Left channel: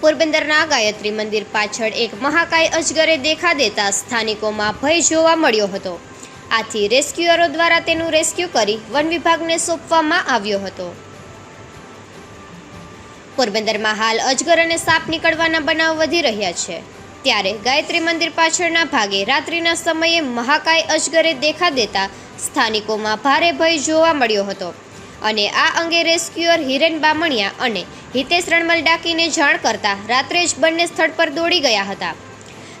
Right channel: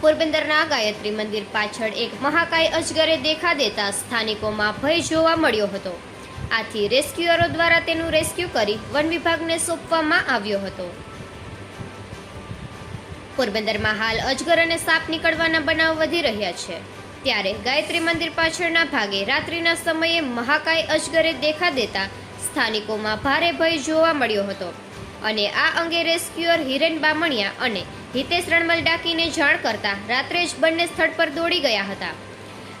પોરબંદરના ગાયત્રી મંદિર પાછળ એક મહાકાય અજગરે દેખા દેતા સ્થાનિકોમાં ભય જોવા મળ્યો હતો. આથી રેસ્ક્યુઅરો દ્વારા તેનું રેસ્ક્યુ કરી વન વિભાગને સોંપવામાં આવ્યો હતો. પોરબંદરમાં હાલ અજગર અને સાપ નીકળવાના બનાવ વધી રહ્યા છે. ત્યારે ગાયત્રી મંદિર પાછળના ભાગે રાત્રિના સમયે મહાકાય અજગરે દેખા દેતા સ્થાનિકોમાં ભારે ભય જોવા મળ્યો હતો અને આ અંગે રેસ્ક્યુઅર હિરેન બામણિયા અને હિતેશ રણમલ ડાકીને જાણ કરતા રાત્રે જ બંને સ્થળ પર દોડી ગયા હતા.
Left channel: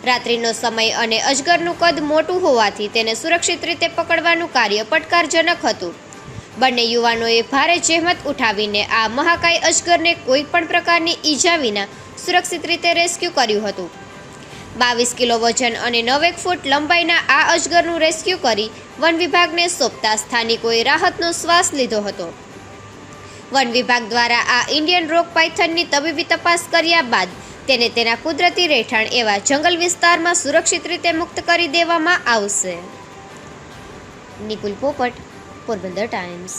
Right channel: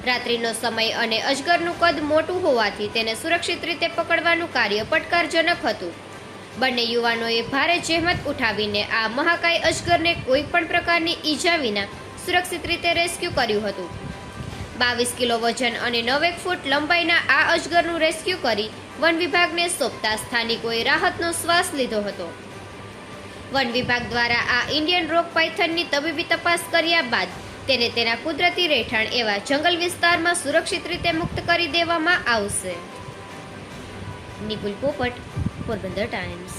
રાત્રિનો સમય અને અજગરનું કદ મોટું હોવાથી તેને સુરક્ષિત રીતે પકડવાનું કાર્ય પડકારજનક હતું. બંને યુવાનોએ ભારે જહેમત ઉઠાવીને આ મહાકાય અજગરને કોઈ પણ પ્રકારની ઈજા વિના સુરક્ષિત રીતે રેસ્ક્યુ કર્યું હતું. 22 કિલો વજન અને 9 ફૂટ લંબાઈના આ અજગરનું રેસ્ક્યુ કરી વન વિભાગને સોંપતા સ્થાનિકોએ રાહતનો શ્વાસ લીધો હતો. વન વિભાગ દ્વારા આ ઇન્ડિયન રોક પાયથનની તબીબી તપાસ કર્યા બાદ તેને તેના કુદરતી રહેઠાણ એવા જંગલ વિસ્તારમાં સુરક્ષિત રીતે મુક્ત કરી દેવામાં આવશે. નિકુલ પોપટ, પોરબંદર ટાઈમ્સ.